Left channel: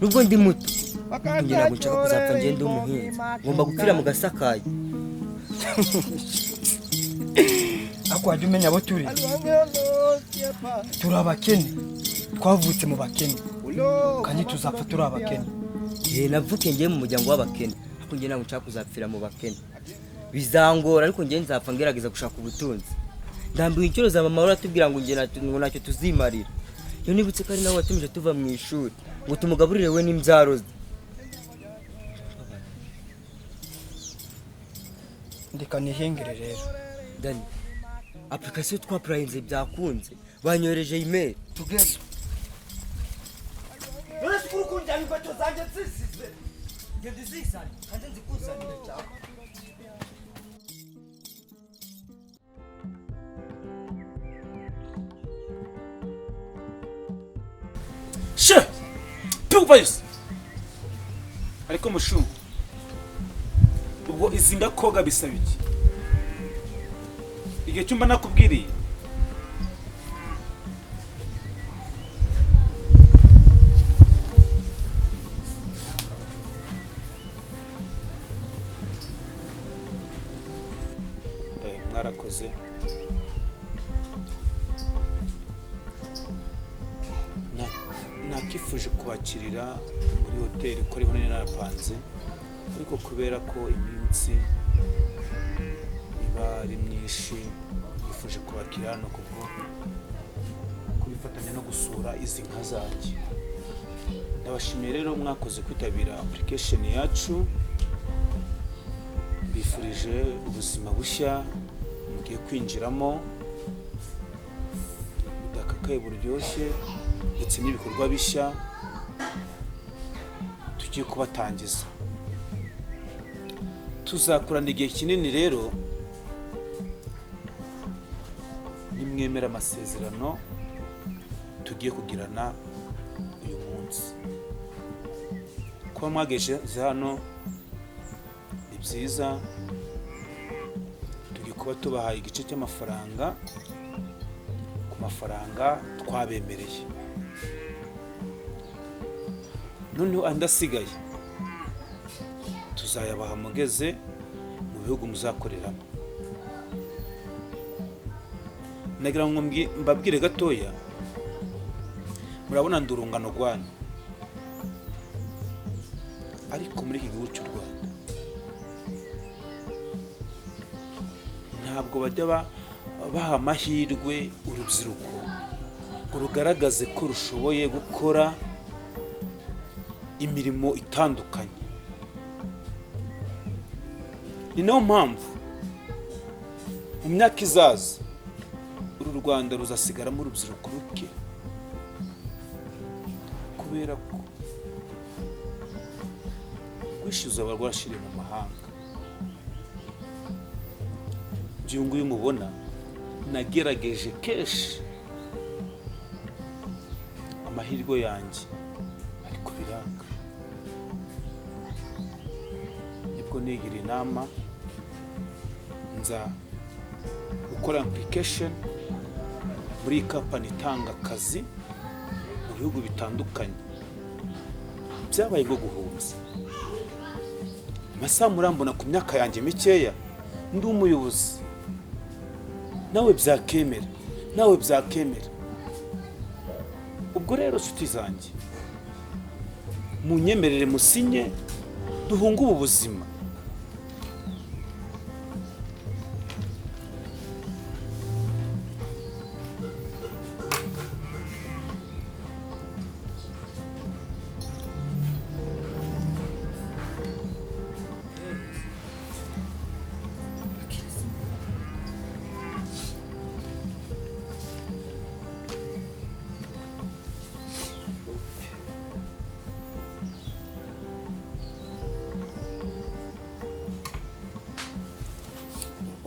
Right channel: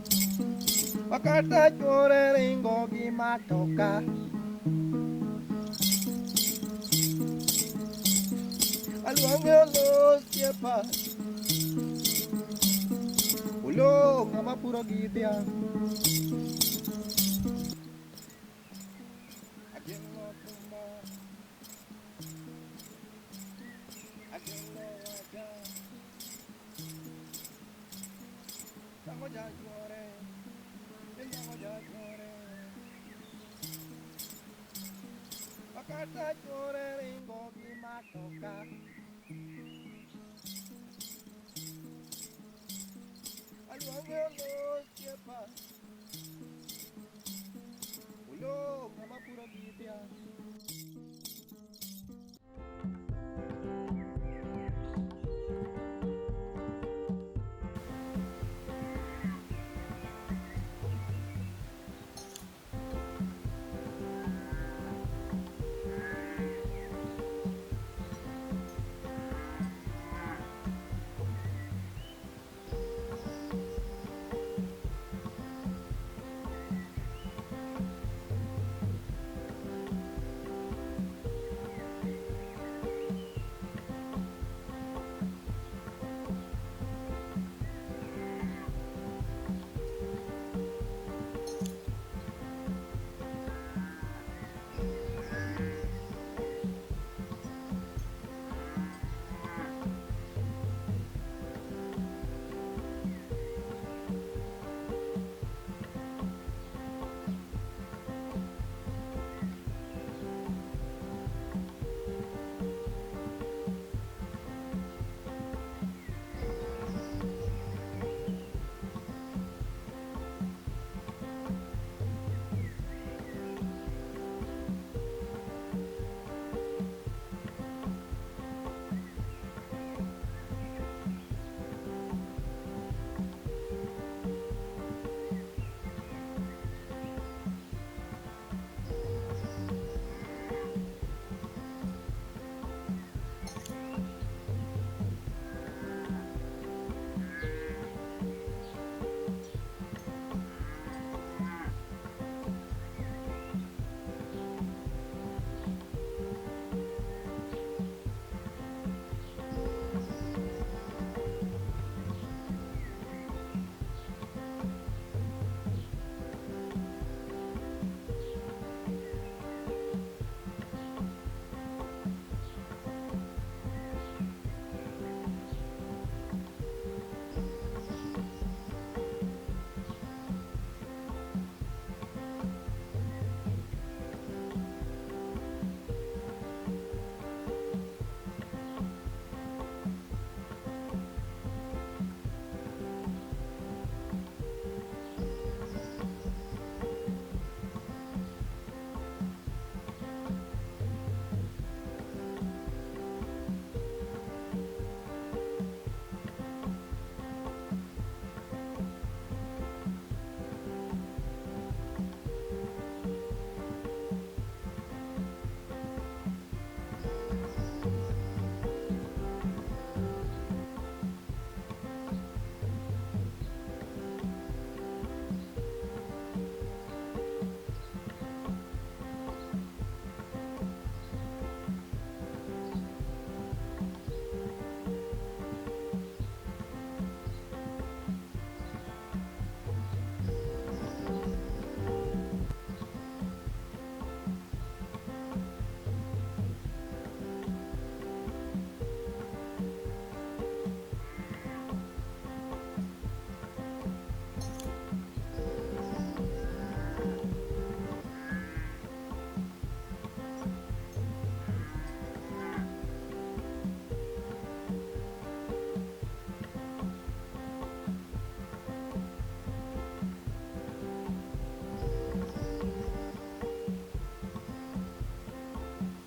Nubwo ndi muto ngomba gupfira mu gasakaye. Akwajya umenya abo turi abakene, twavutse mu bakene kandi tuzapfa turi abakene. Navuke ngiye mu muryango w'abakene, ariko ngiye ntabwo nshaka kuzapfira mu bakene. Bizangora ariko ngiye nzapfa ngerageza gushaka ubutunzi. Ndambiwe inshuro za mama uratubwira ngo ntacyo tuzimarira. Iyo nibutse ko ari nawe watumije tuva mu ishuri ngo tumugaburire we n'imbyaro ze. Ndeka nihengere rero. Dani, application twapurayinze byakunze, banyohereje email. Tugezo. Uretse kurukunda ibibazo zanjye zisise. Nge dizisane, kandi nzikuzanire cyane. She! Pupayus! Ariko mushumba. Ubwo izinga koga bisaba iki? Igihe cyumba nakubwiriye. Mwarakoze. Nakifuje kubakirira muri hoteli kuri buri narapanze, ariko kubera ko iminsi bari myinshi nifuje kubakira no kubifatanya no gusura izi nka zanjye. Ndabashimiye rero mwakoze kwitabira application yacu. Bifurije ubuzima bushya mugiye kwinjiramo, budakakaye buryoshye ndetse n'ibikorwa bishya tugiye kubatangiza. Tuzakorana igihe kinini rero, nimwemera amasezerano tugiye kugirana uyu munsi. Kuba mwageze hano ni byiza, tugiye kuba tubahaye igice cy'amafaranga ku mafaranga twabemereye. Noneho andi asigaye tuzayabaha mugeze mu bihugu muzakoreramo. Nagira ngo mbabwire gatoya, murabona ndurungano rwanyu, ariko muri iki gihugu cy'u Rwanda ntabwo bajya baha amahirwe urubyiruko ngo rugaragaze ko rushoboye gukora imirimo itandukanye. Ni nayo mpamvu mu myaka izaza uru Rwanda ruzasigaramo urubyiruko ruke, kubera ko rwishyuza abarwashiriye mu mahanga. Ibyo nguyu mubona nagerageje kenshi amahirwe yanjye, ariko biranga. Nibwo nigira inama nza gukora application muri company itanga akazi mu bihugu bitandukanye. Byabaye bwo guhuza. Amasaha murambona ku myaka yanjye mikeya ndi umuyobozi. Nawe byakemera. Ubwo rero nshuti zanjye, munyemerere musinye duhunge ubu buzima.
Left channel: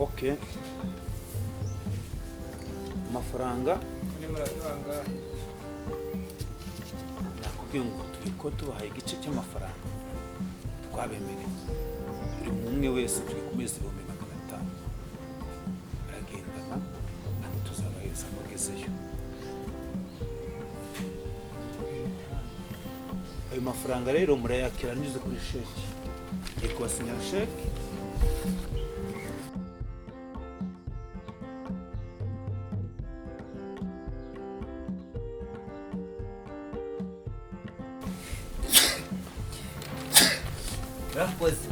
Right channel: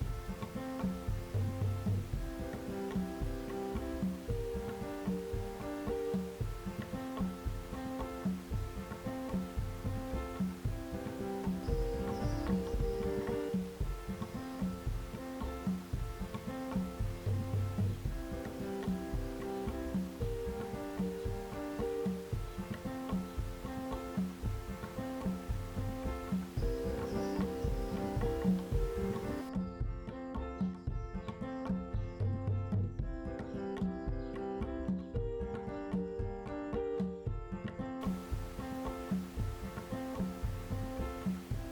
Okay. amafaranga nakubwiye ngo turi ko tubahaye igice cy'amafaranga twabemereye buri umwe wese turi kumeza 5,500 aragenda ntabwo tuzabaheza kugezeyo. Ayo mafaranga rero murayakira anyuze kuri sheki, ngiye kubasinyira sheki. Rakoze.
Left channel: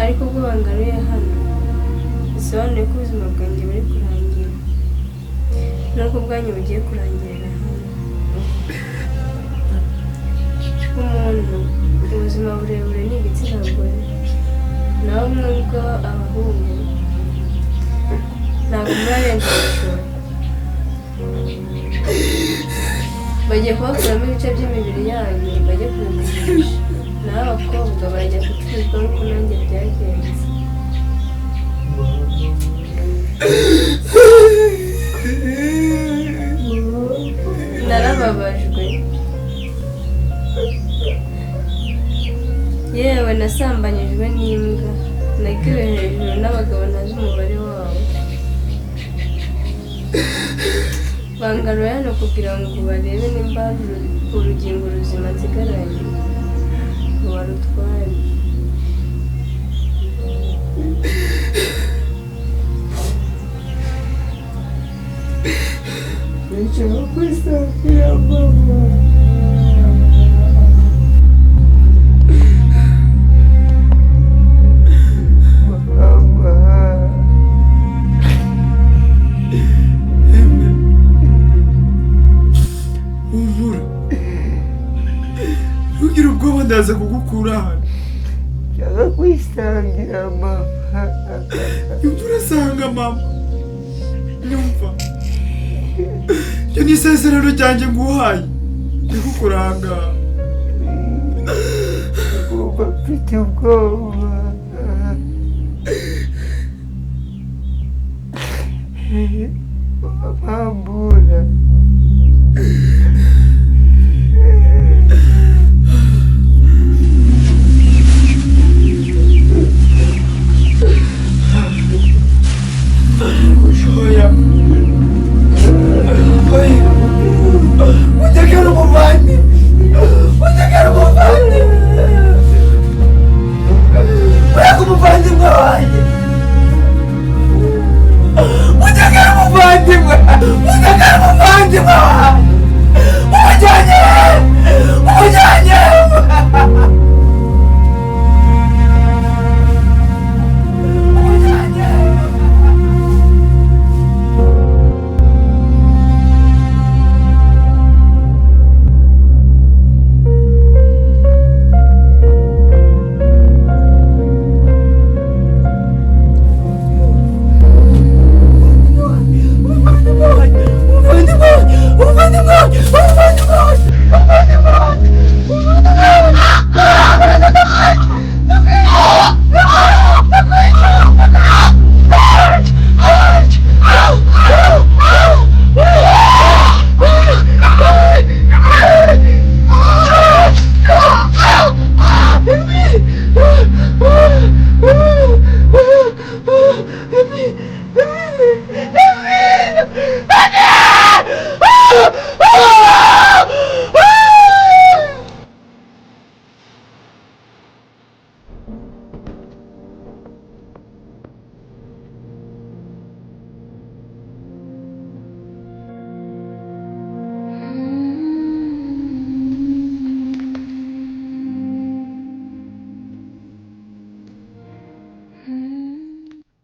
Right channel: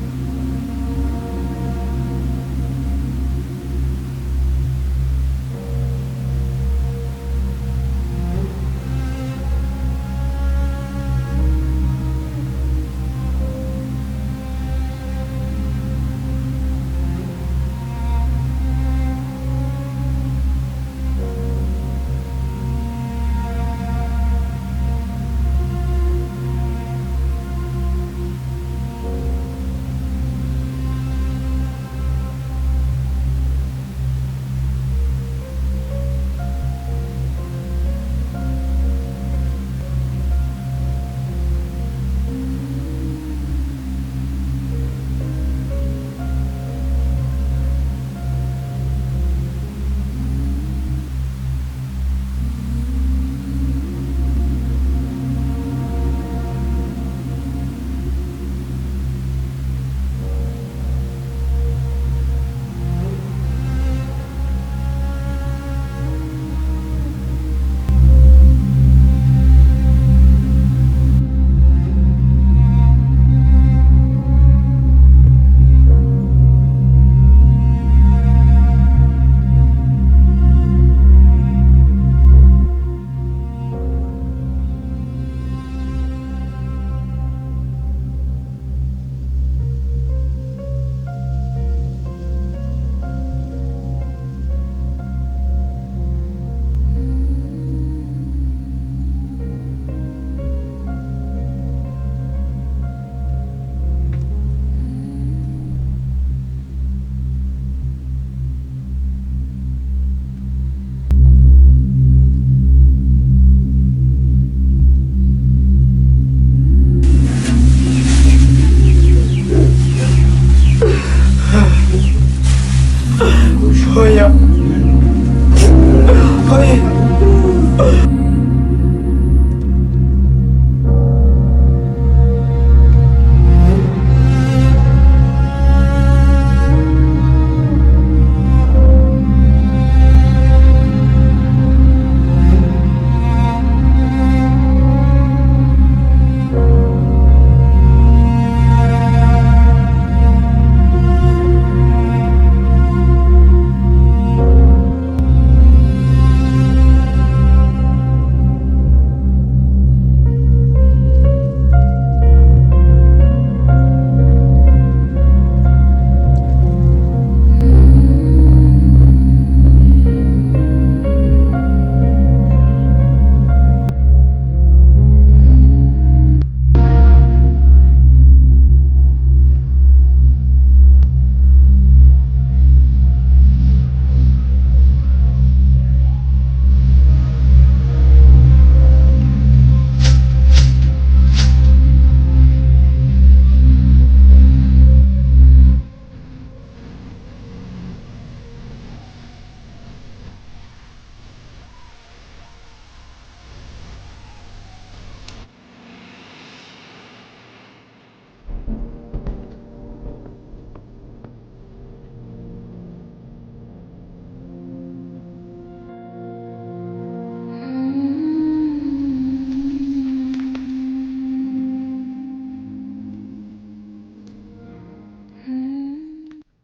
ariko ubwo bangaruye hano bisobanuye ko ubuzima bwanjye buri kurangira n'ubwo bwanyu bugiye kurangirira umuntu ubuzima burebure ni igitsina gore naho nubwo abahungu ntabwo murarenza ibishoro bagiye kubakuramo ibice by'imibiri yanyu bajye kubigurisha naho abakobwa bajya gucuruzwa nk'uko nanjye byagenze narababajwe yewe nasambanyijwe n'imbwa nagiwe hejuru n'abagabo ntazi umubare wabo bangaruye hano kugira ngo barebe nimba urugingo ruzima nsigaranye ngo barutware nshobora kwisakira mama ndaza kugukura hano cyangwa kwisangira mama urasanga mama nyumva cyo ni isezerano ryanjye nguhaye ndikukuranga uba mfite ubwoba bambura Oya, oya, mutakara umuvandi, mutakara umuvandi, ureka umuvandimwe wanjye, mutakara umuvandimwe, mutakara umuvandimwe wanjye.